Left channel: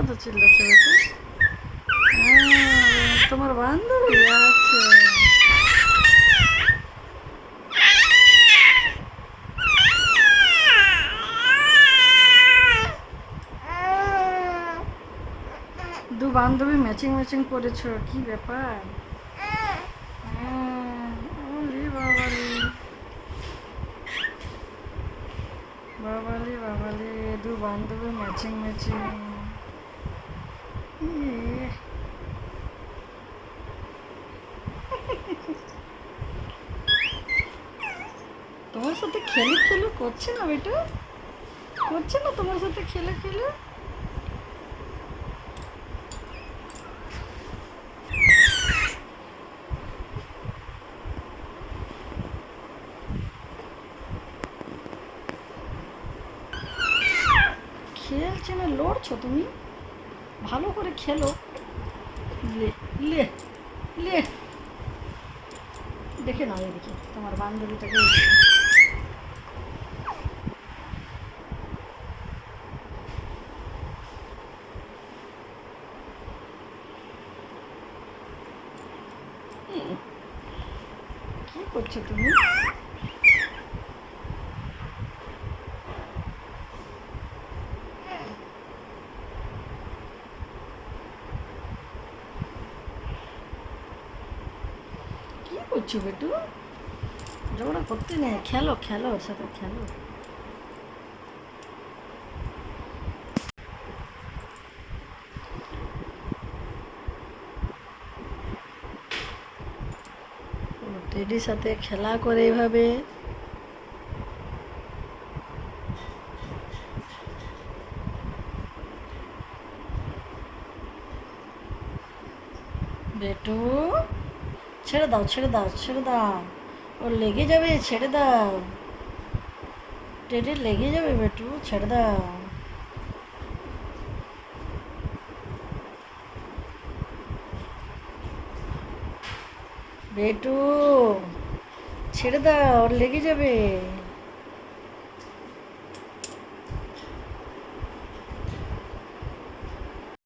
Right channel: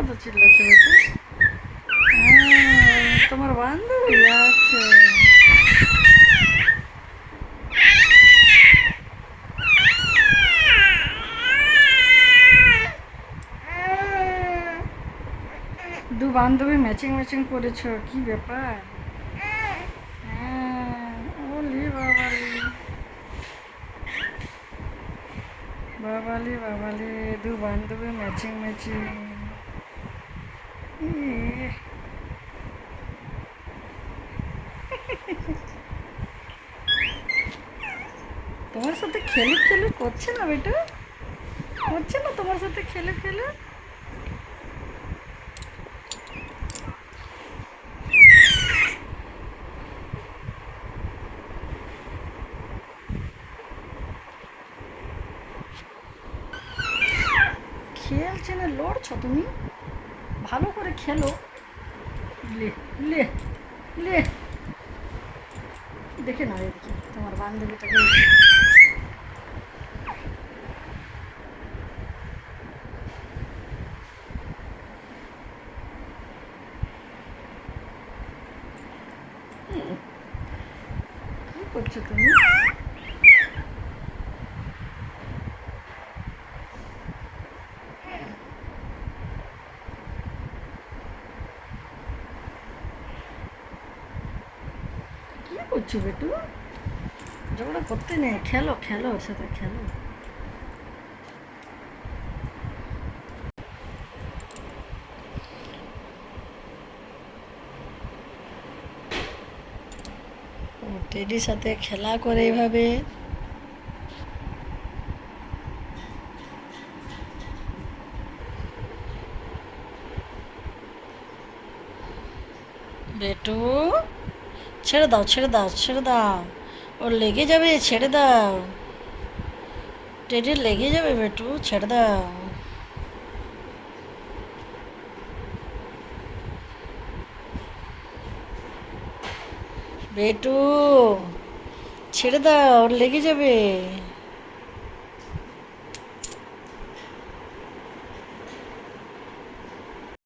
এত চিল্লাচ্ছে বেটু? তোমার বান্ধবী আছে? দু বান্ধবী ম্যাচিং ম্যাচিং করেছো, কি ব্যাপার? ওলি বাবালি, বাবালি বাবালি, দু বান্ধবী ম্যাচিং ম্যাচিং। তোমার সাথে খেলে খেলে করছে না বেটা? করছে না তোমার সাথে খেলে খেলে? খেলছে না, লড়ছো তুমি? ভালো করে খেলো। লে লে লে, দেখে না দেখি তোমার বান্ধবীটাকে। কি করছো তুমি? কি করছো বেটু? ঝগড়া করতে নেই, খেলো খেলো, ওর সাথে খেলো। ও টেডির সাথে খেলা করে এইভাবে। বেটু, ছেড়ে দাও ছেড়ে দাও ছেড়ে দাও, ওর লেগে যাবে, ছেড়ে দাও। টেডির লেগে যাবে বেটু, ছেড়ে দাও। বেটু, ছেড়ে দাও, ওর লেগে যাবে।